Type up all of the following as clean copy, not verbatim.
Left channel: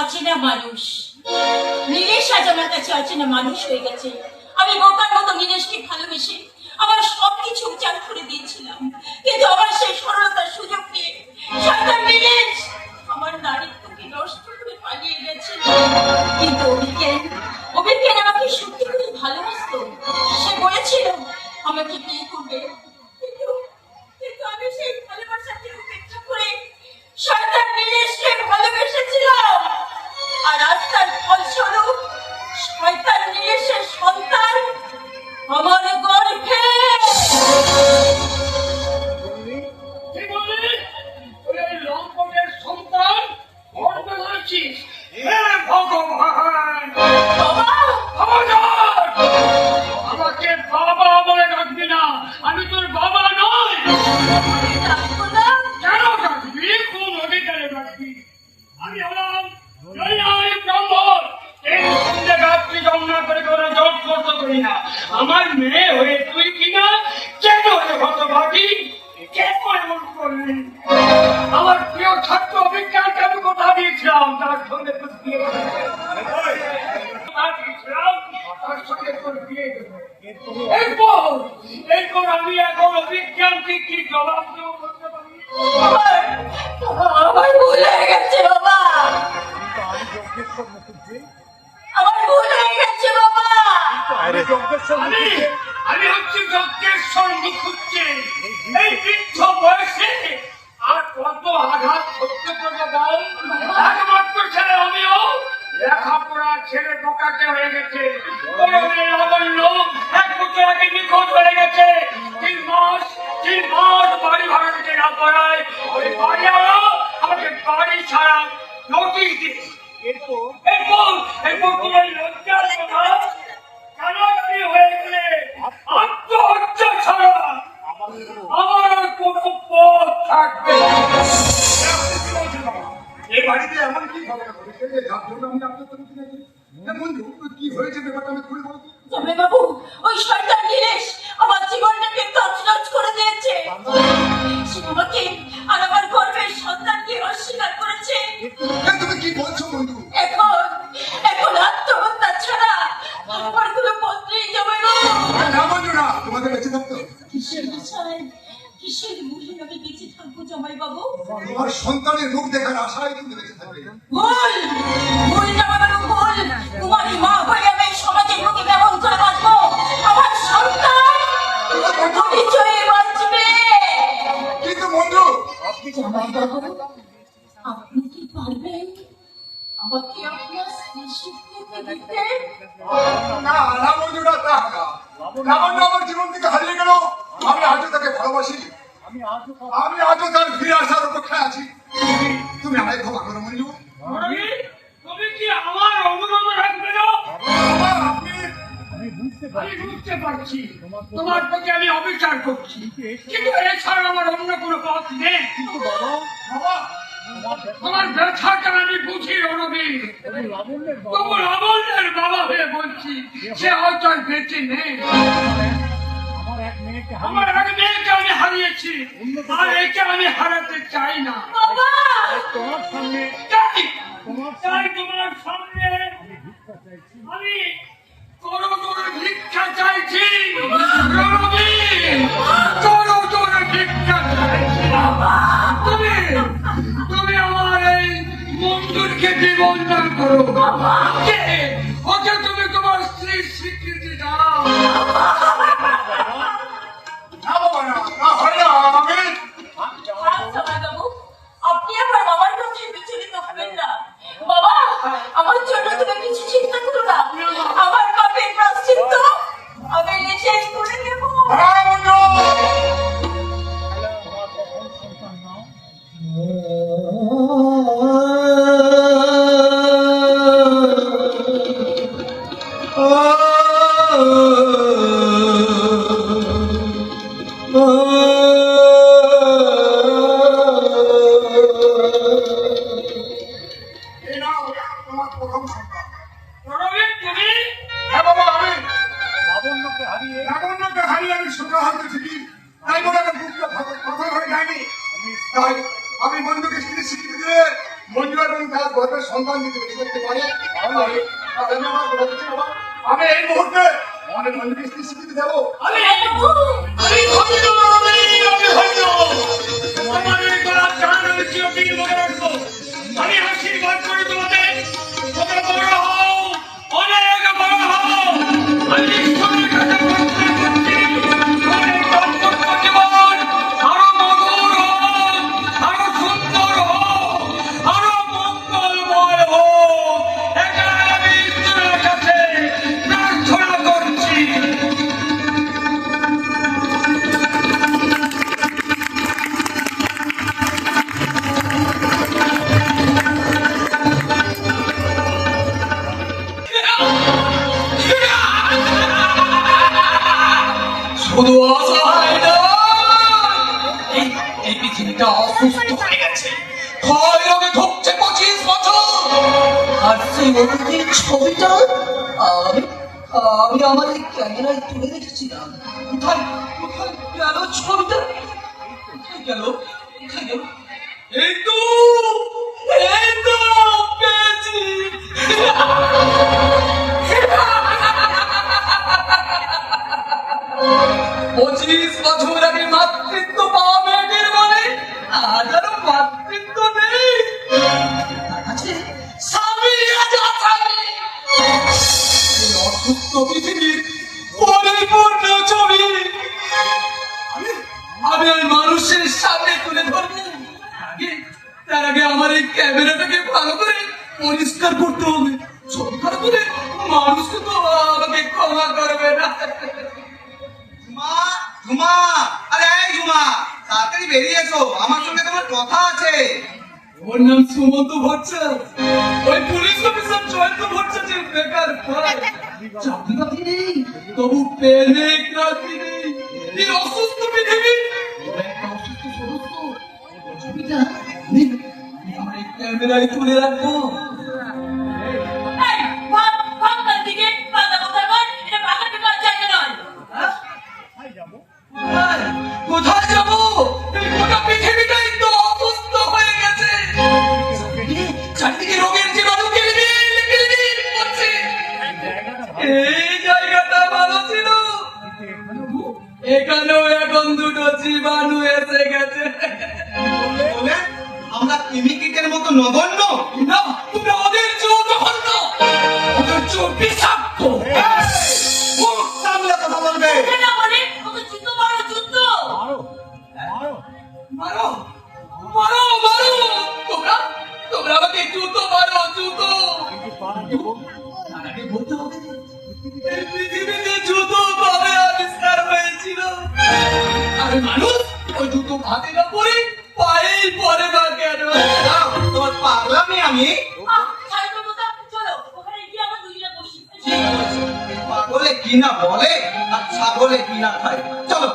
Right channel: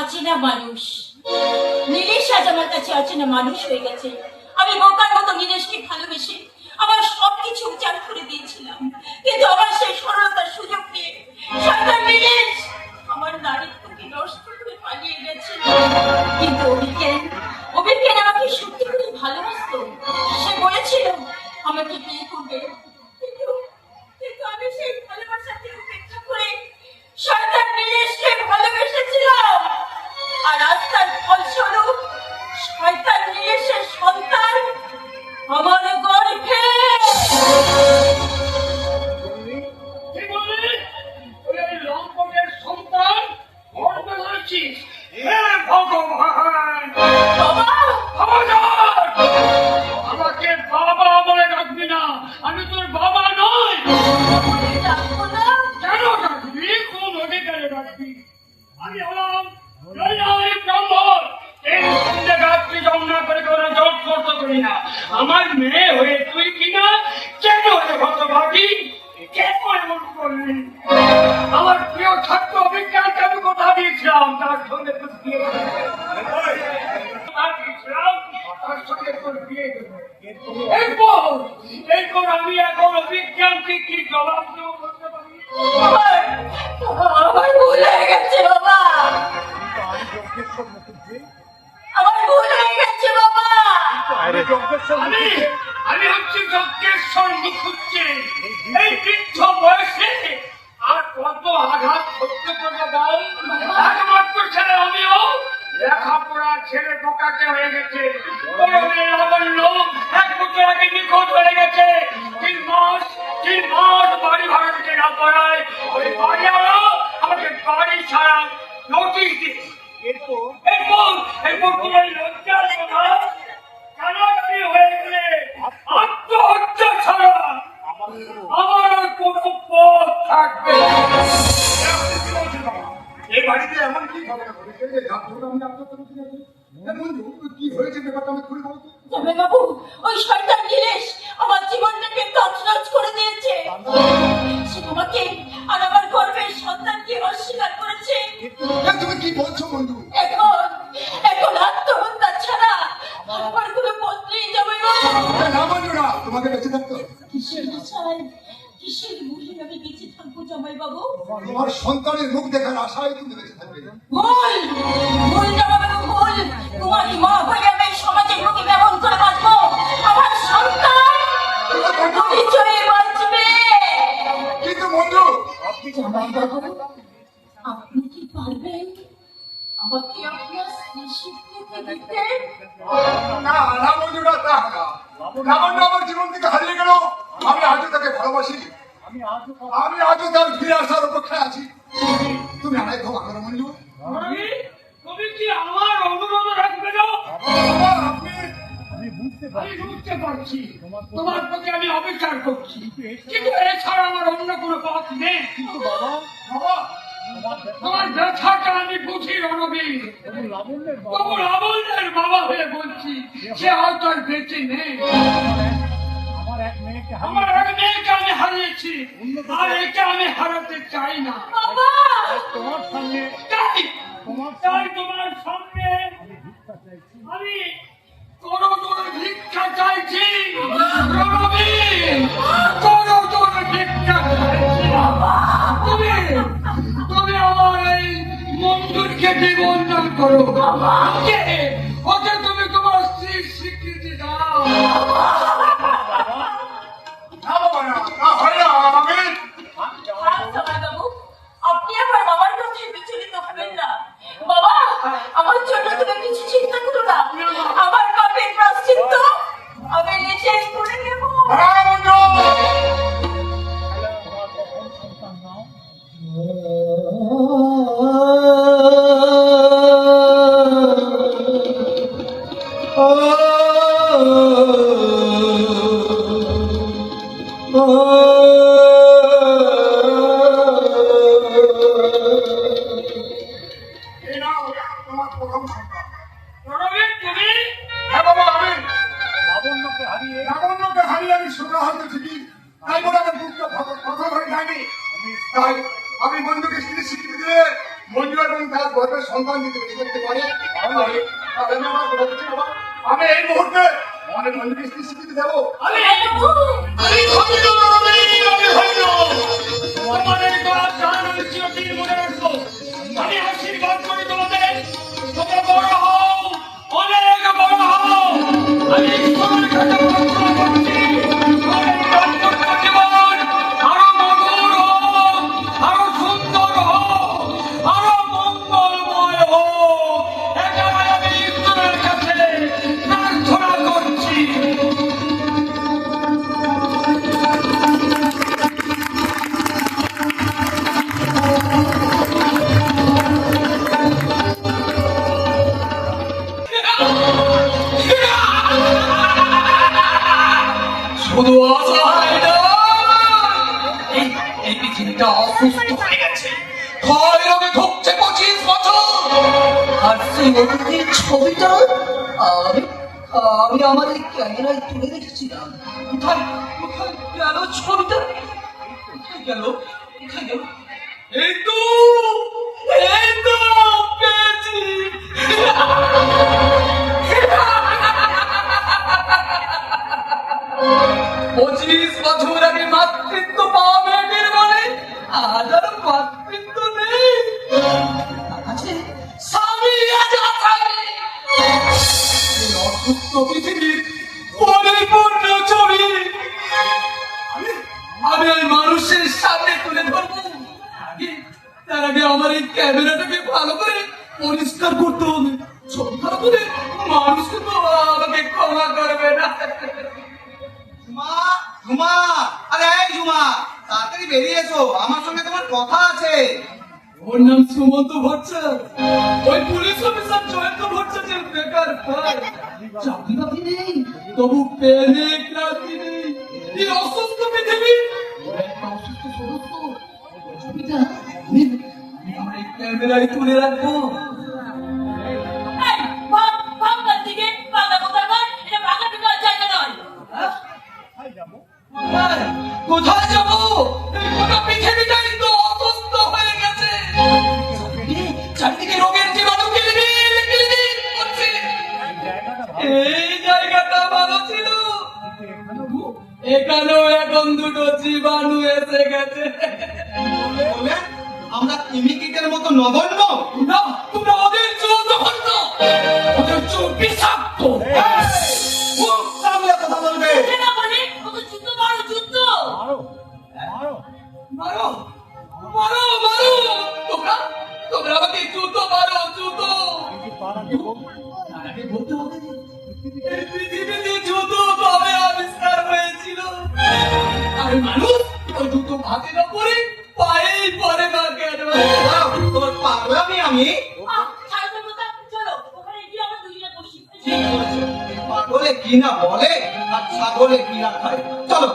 অচেনা মানুষ। নীলেশ আজ আমার কাছে অচেনা মানুষ হয়ে গেছে। আমি বোকার মতো নীলেশকে ভালোবেসে আমার সবকিছু উজাড় করে দিয়েছিলাম, কিন্তু আমার সেই সরলতার সুযোগ নিয়ে শয়তান নীলেশ আমার নারীত্বকে নষ্ট করে পালিয়ে গেছে। কিন্তু অভিজ্ঞান আমাকে সত্যি করে ভালোবাসতো। সে বলেছিল আমাকে বিয়ে করবে, কিন্তু কিন্তু আমি সেই ভালোবাসাকে উপেক্ষা করে শয়তান নীলেশকে ভালোবেসেছিলাম। আর আজ তার ফলস্বরূপ শয়তান নীলেশের সন্তান আমার গর্ভে। আমি তোর বাবা নই। কেন ডাকবি? কোন অধিকারে ডাকবি? আমি হলাম ব্রাহ্মণ। এই রাত্রি জন্ম করে করে জল করত করি না। আমার মেয়ে হয়ে তুই কিনা কেন হতভাগী? কেন এমন করলি? আমার প্রিয় ছাত্র অভিজ্ঞানকে আমি কথা দিয়েছিলাম তার সঙ্গে তোর বিয়ে এরপর আমি এখন অভিজ্ঞানকে কি জবাব দেবো বলতে পারি? আমার ভুল হয়ে গেছে বাবা, আমার ভুল হয়ে গেছে বাবা। আমি হচ্ছে যজ্ঞেশ্বর মুখুজ্জে। এই বৃদ্ধ বয়সে আর কত আঘাত সহ্য করে দাও। একমাত্র ছেলে আমিও লেখাপড়া ছেলে বোকাকে হয়ে গেছে। আমার লোক 1 বছর আগে নিখোঁজ হয়ে গেছে। 3 মাস বাড়ি ভাড়া দিতে না পারায় ওই বাড়িওয়ালা আমাকে বাড়ি ছাড়া নোটিশ দিচ্ছে। এরপর তোমার লজ্জার কথা কানাকানি হয়ে গেলে আত্মহত্যা ছাড়া আমার আর কোনো পথ থাকবে না। এই বাড়িতে এমন কি ঘটনা ঘটেছে যে যা বলবো আমি আত্মহত্যা করতে গেছি? বন্ধু কি হয়েছে ব্যাপারটা আমি খুলে বলতো। জামাই বাবু, ওই শয়তান নীলেশ আমার জীবনটাকে তছনছ করে দিয়েছে। সে আমাকে আর আমার গর্ভের সন্তানকে অস্বীকার করেছে। তুমি কি বলছো বন্ধু? এখন আত্মহত্যা ছাড়া আমার কোনো পথ নেই জামাই বাবু। না বন্ধু না, তোমাকে বেঁচে থাকতে হবে। কিসের বিষয়, কিসের মুখে আমি বেঁচে থাকবো জামাই বাবু? তোমার সন্তানের মুখ দেখার আশায় তুমি বেঁচে থাকবে। ভুল ভুল জামাই বাবু, ভুল। তোমারই মা হয়ে আমি সমাজের মুখে কেমন করে বাঁচবো? আমার সন্তান বিজয়ে বাঁচবে। কিন্তু বন্ধু জামাই বাবু, আপনি কি পারবেন আমাকে আপনার স্ত্রী স্বীকৃতি দিতে? না না বন্ধু না, তা না। লাবণ্য আমার জীবন থেকে হারিয়ে গেল, আমি আজও তাকে ভালোবাসি। আমি আজও তার ফিরে আসার অপেক্ষায় আছি। তুমি আমায় ক্ষমা করো মঞ্জু। তুমি কি আমার অনুরোধ রাখবে না? আমি বুঝতে পারছি তোমার প্রতি আমি অবিচার করছি, কিন্তু এছাড়া আমার অন্য কোনো পথ নেই। কিন্তু বাবা, তোমার ব্যথাটা আমি বুঝি রণবীর। তবু লাবণ্যের বাবা হয়ে বলছি, সে হয়তো আর বেঁচে নেই। আমার এক মেয়েকে আমি হারিয়েছি, আর একে আমি হারাতে চাই না। তাই তোমার সামনে আমি তোর ভিক্ষা চাইছি রণবীর, তোর ভিক্ষা চাইছি। তুমি আমার এই মন্দিরকে বিবর্ধন করো, ওকে তুমি তোমার স্ত্রীর স্বীকৃতি দাও। আপনি আমার বাবার কাছে বিচলিত হবেন না। বাবা, আমার জন্য তুমি কিছু চিন্তা করো না। আমার পাপের প্রায়শ্চিত্ত আমি নিজেই করে নেব। লাবণ্যকে হারিয়ে আমি সোজা হয়তো ঠিকই, তাই বলে আমার বুকটা পাথর হয়ে যায়নি। তাই আমি বন্ধুকে স্বীকৃতি দিয়ে মজুর এবং তার গর্বের সন্তান যদি বেশি করতে পারে তাহলে আমি আমার কথা দিচ্ছি বাবা, আমি এই মুহূর্তে আমাদের মজুরি স্বীকৃতি দেবো। আমি ধন্য, আমি ধন্য। তোমাদের গলার টান আমি চিরদিন মনে রাখবো। আমি আশীর্বাদ করি তোমাদের, তোমরা বড় হও, অনেক বড় হও। আমি ঈশ্বরের কাছে প্রার্থনা করছি, তোমাদের দাম্পত্য জীবন আরো মধুর হোক, আরো সুন্দর হোক, আরো মঙ্গলময় হোক। এটাই আমি ঈশ্বরের কাছে প্রার্থনা করছি। শুধু অসহায় নয়, এই পৃথিবীটা অসুস্থ হয়ে গেছে, ক্ষয় রোগে ভুগছে 25 বছর। আর সেই অনুভূতির ছবিটা আমি আমি আমার এই ক্যামেরায় তুলে রেখেছিলাম। কোথায় কোথায় গেল ছবিটা? কোথায় গেল? কোথায় গেল? এই তো পেয়েছি। 25 বছর আগে মাতৃত্ব পাওয়া মেয়েদের মনে আজ আর মাতৃত্ব নেই। আছে স্বামী, আজ আসামি। এই অসুস্থ পৃথিবীর পরিপূর্ণ ছবি আমি ওই মানুষের সামনে তুলে ধরবো। তার আগে আমার এই ক্যামেরাটাকে ভালো করে পরিষ্কার করতে হবে। ছবি খারাপ হলে মানুষকে তো আমাকে ক্ষমা করবে না। ঝুমা, ঝুমা, আরে এই ঝুমা, তাড়াতাড়ি বেরিয়ে এসো, আমার সঙ্গে তোমার কথা আছে। ওর নাম সুমন্ত ভট্টাচার্য, ওই পুলিশ অফিসার জয়ন্ত ভট্টাচার্যের বেকার ভাই। চাকরি বাকরি নেই, তবু পেনে ক্লান্তি নেই। এই অসুস্থ পৃথিবী একটা অসুস্থ সদস্য। ছবিটা আমি আমার এই ক্যামেরায় তুলে রাখবো। এই, ভাগ, ভাগ তার দিকে, ভাগা কোথায় ভাগ? এটা ভাগা ঢোকার জায়গা নয়। কোথায় যাবো? এই গোটা পৃথিবীটাই তো অসুস্থ হয়ে গেছে। চারদিকে রোগের জীবাণু কিলবিল কিলবিল করছে। এই জায়গাটা ভালো ছিল, এখানেও এখন দুটো জীবাণু এসে গেছে। বলে আমরা কেমিকেটের মতো নগণ্য। না, তোমরা ওদের চোখ জঘন্য, ওদের চোখ বিষাক্ত। মুখ সামলে কথা বলবে। এটা না বলে ওকে যুদ্ধ মারো, যুদ্ধ। মারো মারো মারো, তোমরা তোমরা আমাকে জুতো মারো, জুতো। তার আগে বলতে হবে যে এই পৃথিবীতে জুতো ভাবে আবিষ্কার হয়েছিল, আর মানুষ ওই জুতো হাতে না পরে পায়েই পরে না কেন? দাও, তোর পাগলামি আমি। ছাড়ো তো কথা, চলো ওখানে গিয়ে আমরা দুইজনে বসি। পাগলে কি না বলে আর ছাগলে কি না খায়। চলো।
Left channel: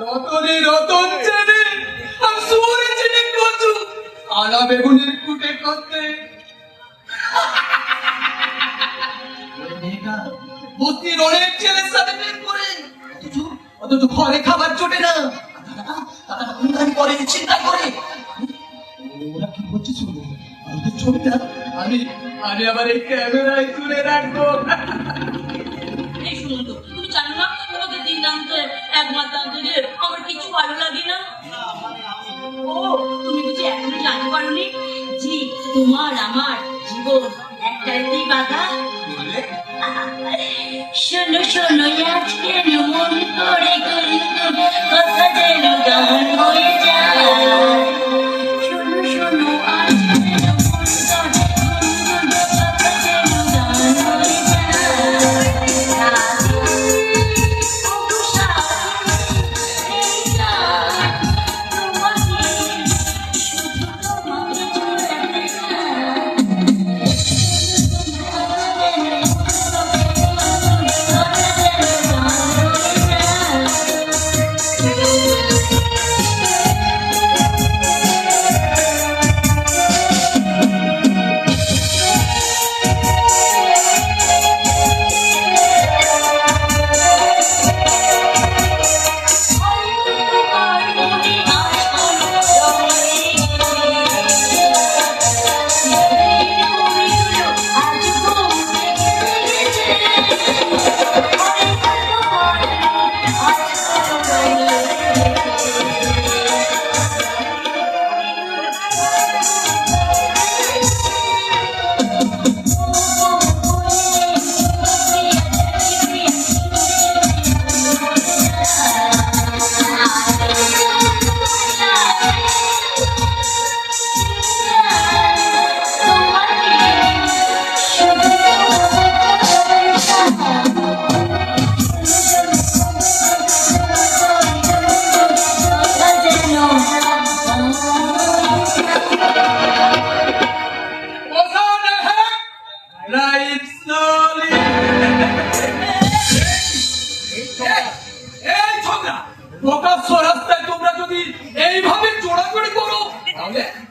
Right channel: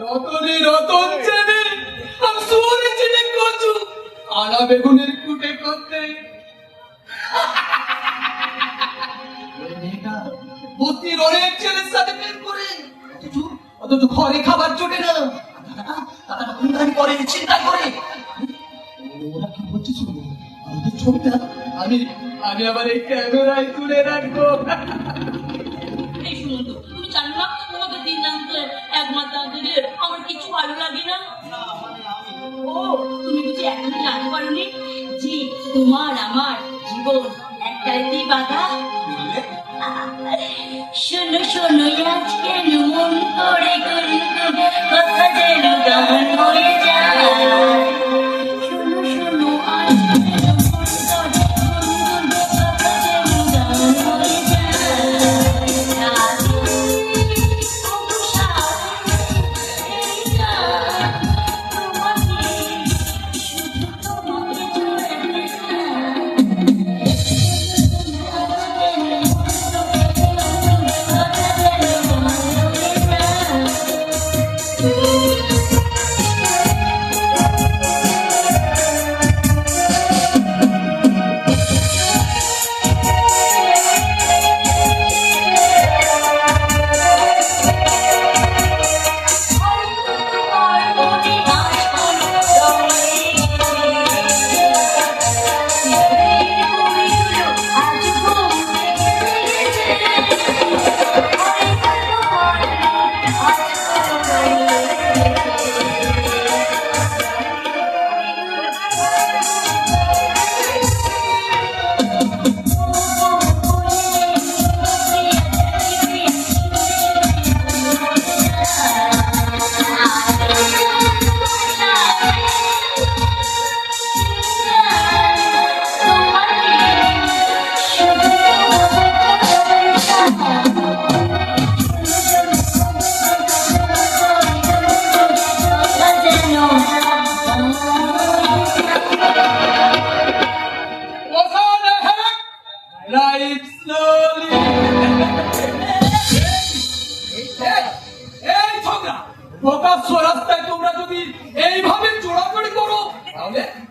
রতনে রতন চেনে, আর সুয়ারে চেনে কচু, আনা বেগুনের কুটে করতে। বস্তির অনেক ছেলের সাথে প্রেম করে, অথচ ঘরে খাবার জোটে না। তারা খুনদারি করে, চিন্তা করে। ওরা কি করছে শুনবো, ওদের ছবিটা আমি আমি আবার এই ক্যামেরায় তুলে রাখবো। এই শুনুন তো, তুমি জানো না তোমাদের দিন দান্তে এক মাস দান্তে আমার কিছু ভালো লাগে না। ও, তুমি বুঝি এখনো জানতে পারোনি যে তোমার আমার জীবন একটাই বাধা। শোনো শোনো আজকে মন করে গুনগুন কথা যেন গান হয়ে যায়। শোনো শোনো আজকে মন করে গুনগুন কথা যেন গান হয়ে যায়। তোমাকে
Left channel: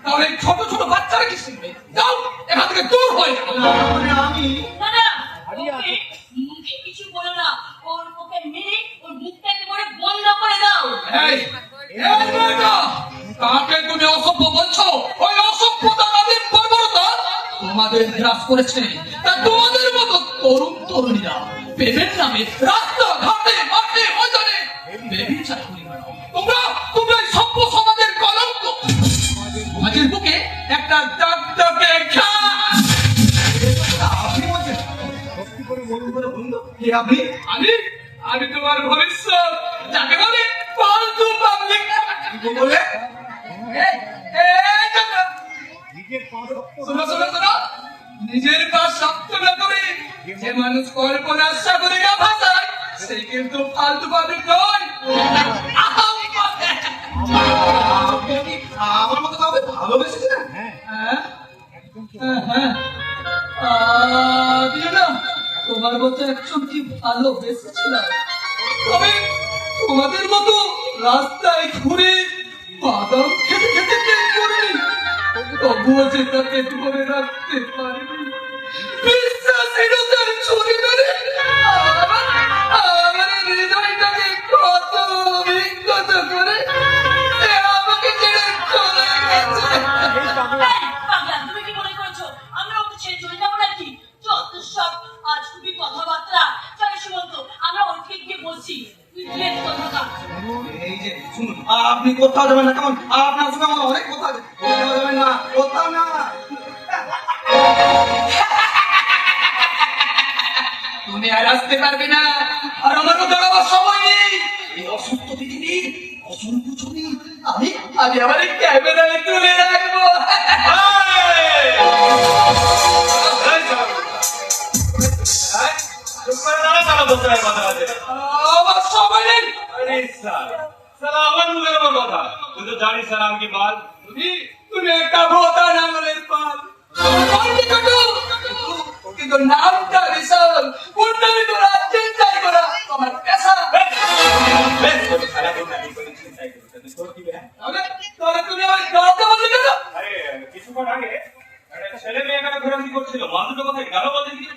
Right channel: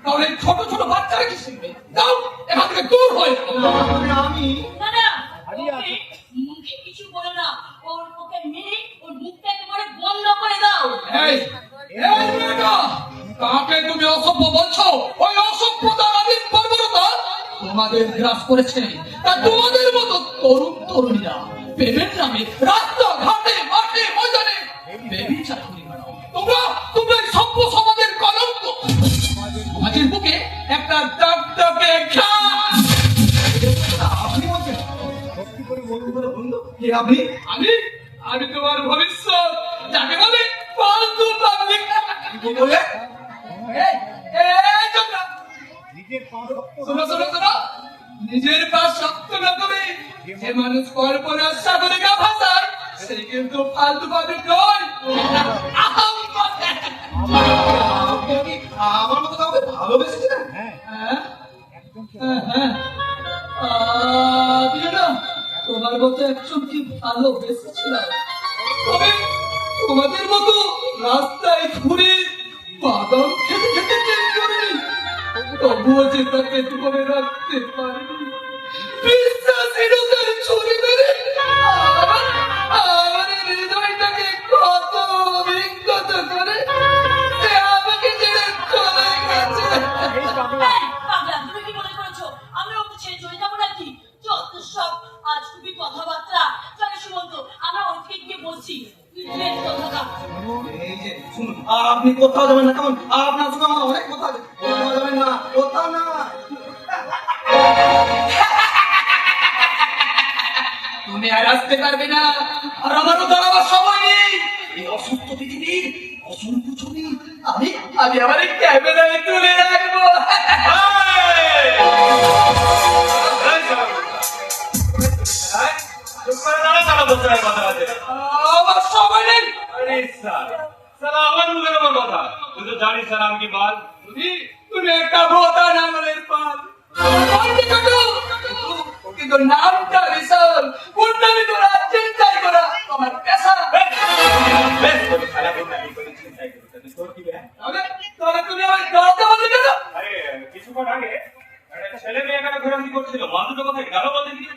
তাহলে ছোট ছোট বাচ্চারা কি শিখবে? যাও এখান থেকে দূর হয়ে যাও। মানে আমি না না, ওকে মুখে কিছু বলো না, ওকে মেরে ওর মুখটা একেবারে বন্ধ করে দাও। এই এই মেয়েটা, কাকে তুমি অসভ্য বলছো? ওই অসভ্যতা আদিম বর্বরতা তোমাদের গ্রাস করেছে। তা তোমাদের মতো তরুণ তরুণীরা প্রেমের নামে রাস্তা ঘাটে মাঠে ময়দানে বেবিচার করে বেড়াও। তোমরা তোমরা এই সভ্য সমাজের কলঙ্ক। সমাজের বুকে একটা দাগদাগে ঘাস। আপনি বলছেন সত্যি করে বলুন তো কে আপনি? আমি আমি তোমার ভবিষ্যৎ, যাকে বলে ফালতু পাবলিক। কি বলে? নিজের পা শক্ত না করে যে মানুষ কল্পনার সাগরে গা ভাসায় সে কিন্তু ফালতু পাবলিক নয়। আপনি কি আমার মতো কাউকে ভালোবেসেছিলেন? হ্যাঁ হ্যাঁ, আমি না তোমার মতো একজনকে ভালোবেসেছিলাম। তবে তোমাদের মতো রাস্তায় ঘুরে বাদাম খেতে খেতে পেট করিনি, তবুও যে তাকে ধরে রাখতে পারিনি। বিশ্বাসহীনতার ছুরি মেরে আমার হৃদয়টাকে কত বিক্ষত করে সে আমাকে ছেড়ে চলে গেছে। পাগলা, তুমি কি মনে করেছো আমরা ওকে ছেড়ে চলে যাবো নাকি? যত সব আজ খুবই কথাবার্তা। চলো সুমন্ত, আমরা ওকে গিয়ে বলছি কথা। এই যে শুনুন, আপনি কোথাও যাবেন না, কেমন? আপনার সঙ্গে আমার অনেক কথা আছে, কোথাও যাবেন না, কোথাও না। তুমি আর আসতে পারবে না, আর আমারও দাঁড়াবার সময় নেই। এই অসুস্থ পৃথিবীর অসংখ্য ছবি আমি আগে আমার এই ক্যামেরায় তুলে রাখবো। চুপ করে দাঁড়া, তারা বলতে হয় কথা আছে। আমার সময় নেই। আরে স্যার, স্যার আবার বলে দেবার কথা। তুই তো জানিস স্যার আমি কি মাল। তুমি একটা বোধা নামের পাল। কিন্তু নামটা বিশাল, কুণ্ডলি করা, চিন্তাই করা তোমার পেশা। বেশ, সারা ঘন্টা এই করে চিন্তাই করি। তোর কি বে? তাহলে তুমি আমার কথা বলতে কেন? আরে কিছুক্ষণ আগে একটা ছেলে মেয়ে এখানে ঘোরাঘুরি করছিল, মা দুটো কোথায় গেল বলে কি?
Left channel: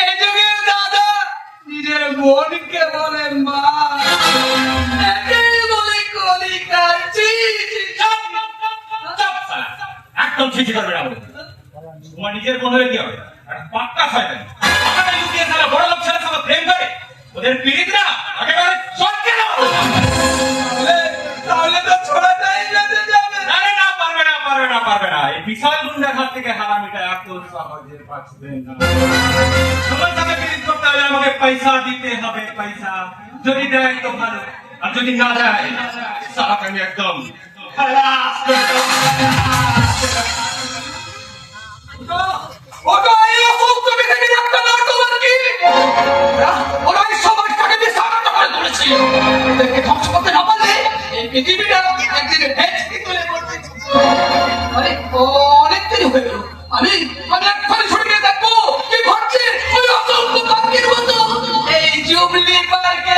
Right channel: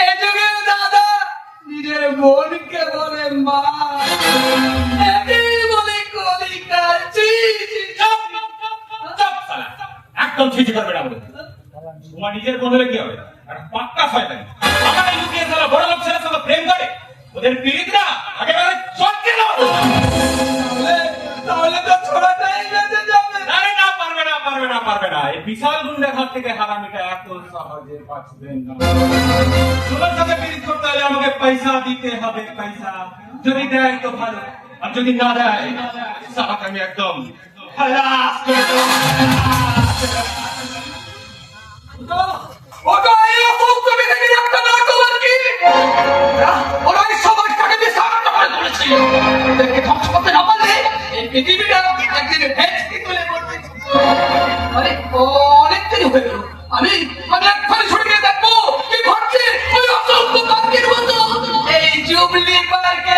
এই যুগের দাদা নিজের বোনকে বলে মা, একেই বলে কলিকার চিঠি। একদম চিঠি করবে না বলে। তোমার নিজের বোন হলে কি হবে? একটা পাক্কা শয়তান। আমার লুকিয়ে সারা বড় লোক ছেলের সাথে প্রেম করে ওদের পীড়িত না একেবারে চটকে দাও। তাহলে তো ছোড়াটাই বেঁচে যাবে। না না না, পারবে না পারবে না পারবে না। এই বিশাল গুন্ডার হাত থেকে হারামিটা এত সহজে বাঁচবে না। তোমার সাথে পীড়িত করতে হলে আমাকে পয়সা দিতে হবে, পয়সা। যদি দেয় তো ভালো, আর যদি না দেয় সারাকে আমি একদম খালাস করে দেবো। ওটা এই অসুস্থ পৃথিবীর একটা নাটক কি? ওরা এই সমাজটাকে বিশাল করে তুলেছিল। ওদেরকে ধ্বংস করতে না পারলে এই পৃথিবীটা একদিন ভেস্তে তুলে পড়বে। অনেক দেরি হয়ে গেল। আমি একবার ছুটে দেখবো কি ঘটছে ওই অসংখ্য পাখির মতো এই জুবলি পার্কে।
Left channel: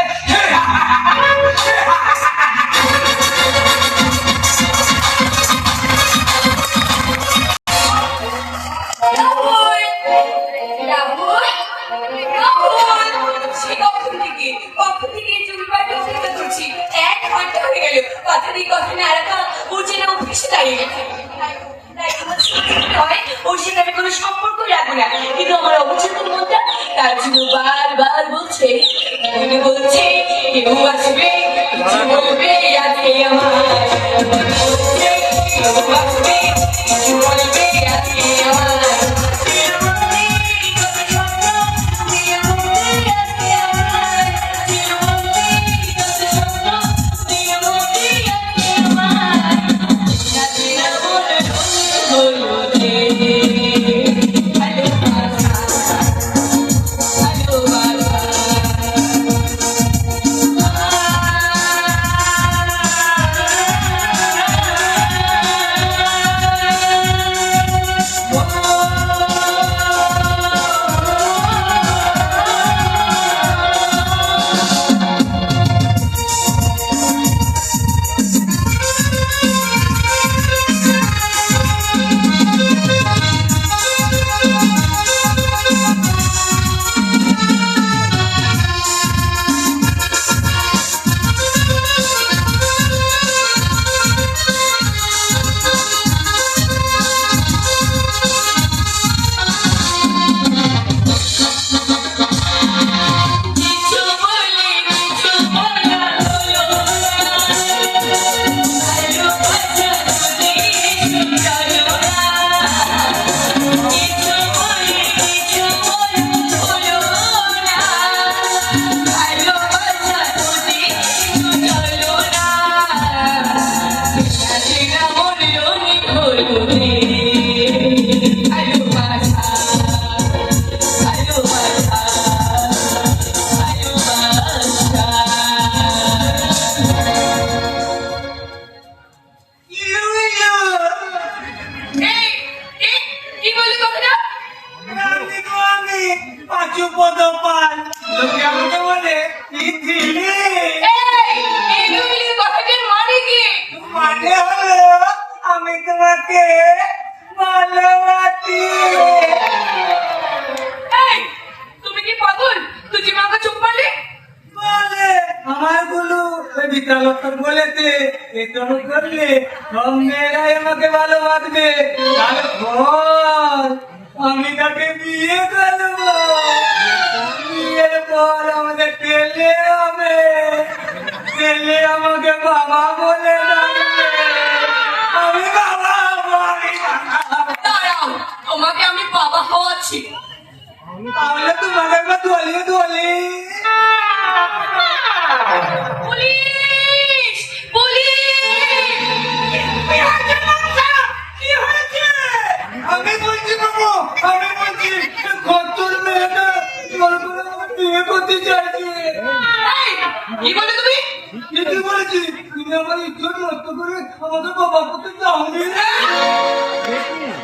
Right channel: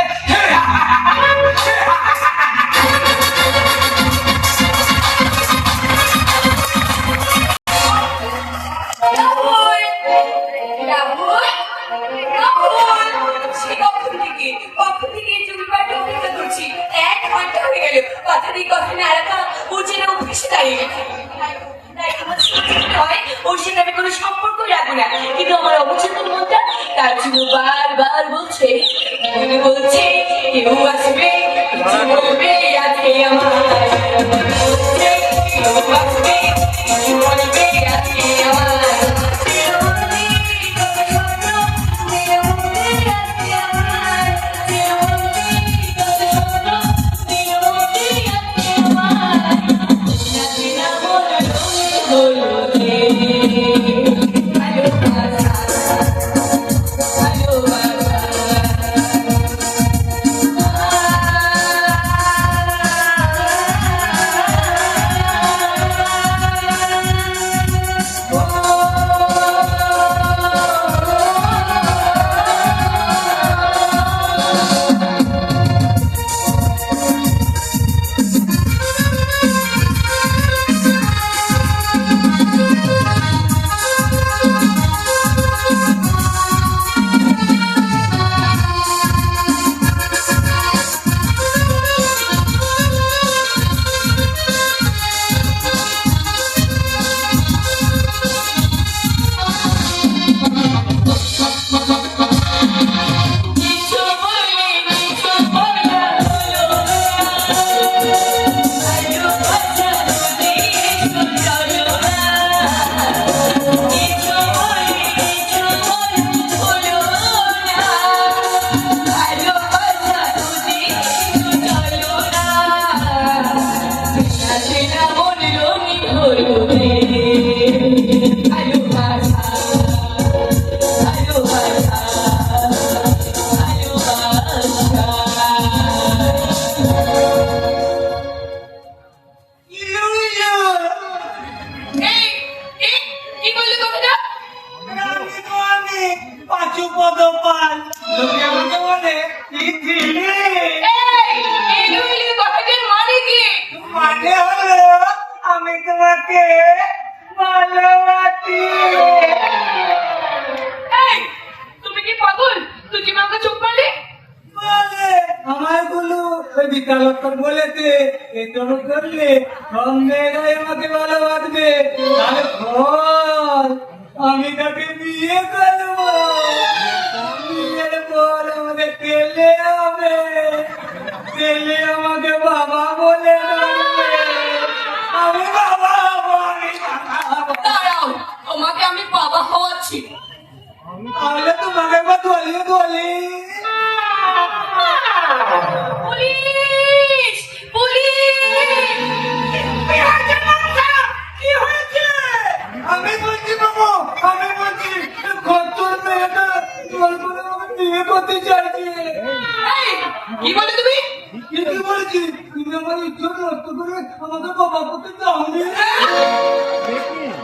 ওর সাথে আমি কোনো সম্পর্ক রাখবো না, কিন্তু আমার অবচেতন মনটা তার জন্য বারবার বলছে কেউ আসবে কিছু বলবে আজকে আমার, কেউ আসবে কিছু বলবে আজকে আমার। তোমাকে ভালোবাসি। এই, তুমি কি পাগল? তুই কি মাকে চুপ পারলি? বলে আমায় বলো ওই বিদ্যালয় বলেছে এ তুমি করলে সব মেয়েরাই আমাকে ভালোবাসবে, তারপর আমি তাকে বিয়ে করবো, বিয়ের পর আমাদের ছেলে হবে, ছেলে আমাকে বাবা বলে ডাকবে, আমি বাবা হবো, আমি বাবা হবো। দাঁড়াও, তোমাকে আমি বাবা হওয়াচ্ছি। তাহলে তোমাকে একবার দলিয়ে দলি পুলিশ! পুলিশ! কি হয়েছে? আমি বলছি বাবু, আমি বলছি কতর মেয়েটা জোর করে আমাকে বিয়ে করতে চাইছে। এই, কি বলে তুমি? কি বলেছি? তুমি আমার ইচ্ছে নষ্ট করে আমাকে বাবা করতে চাওনি।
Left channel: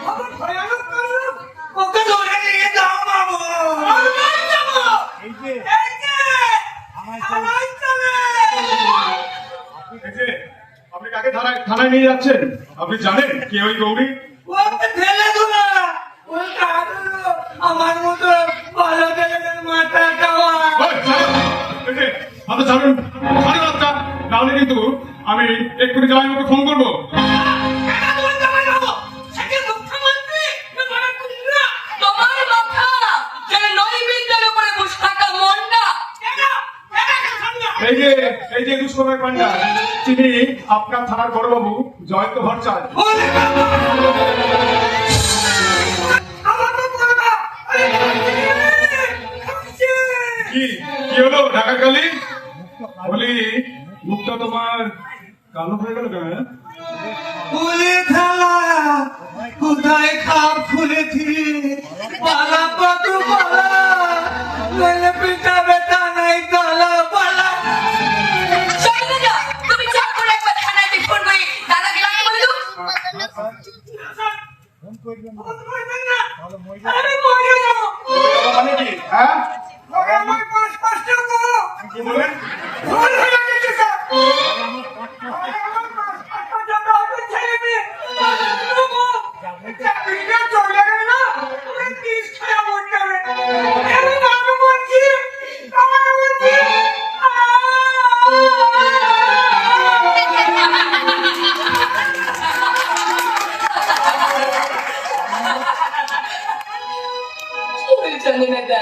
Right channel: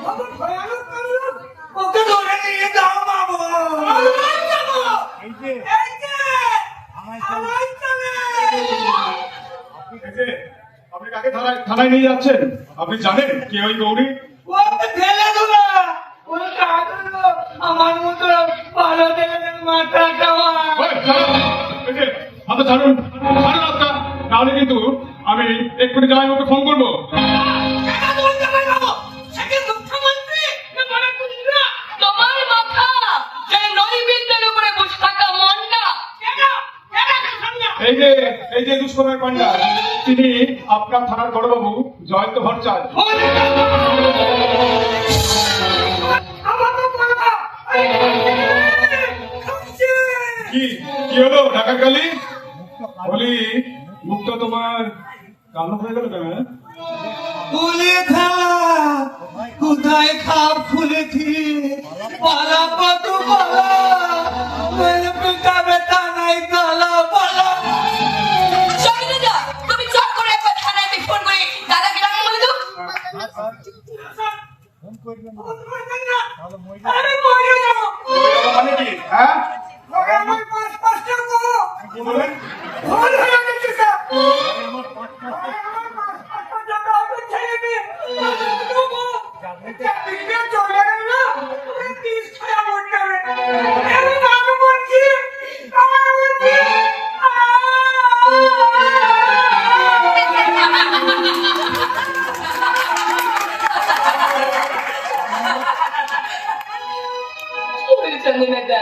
আমার ভয়ানক কাণ্ড। ওকে ধরে নিয়ে যাও বাবু। এই যে আমার ছেলে। আপনি কাকে থানায় নিয়ে যাচ্ছেন? আপনি জানেন কে ওই গৌরী? ও ছেলে ধরা, ও কাঁদলো, আমার মতো ভালো ছেলেদের মাথা খাওয়া। হাতে ছাড়ুন, ছাড়ুন হাতটা, নাহলে কিন্তু আমি এক্ষুনি জামাই ওকে ফোন করবো। তোমার মাথা যেন নৈবেদ্যের উপরে বসে থাকা মনটা। এই যে দুষ্কর্মের পান্ডা, তিনি আপনার থানার বড়বাবু জয়ন্ত ভট্টাচার্য। কি কি হলো ঢাকার কালি? বলি মুখটা তোমার কালো হয়ে গেল কেন? ফুলে খেলা কোথায় খাপ খুলেছি, পালা কত পালা, মেলে পিতা বেতা নাই কালা পালা। শৈলজা, তুমি চট করে একবার থানায় ফোন করে দাদাকে ডাকে বলে দাও। আরে মরে যাবো, মানে কি? হ্যাঁ ওরে আমার পাঁচ পাঁচটা গো, কি বলেন? ভুল হয়ে গেছে স্যার। ওরে আমার পাঁচ পাঁচটা জন্য আমার ছেলে মেয়ে, চাকরিটা চলে গেল না, ওরে 30 ছায়া মরতে হবে। আমি বাবা বলছি, বাবা বলছি, কি হয়েছে জানি না।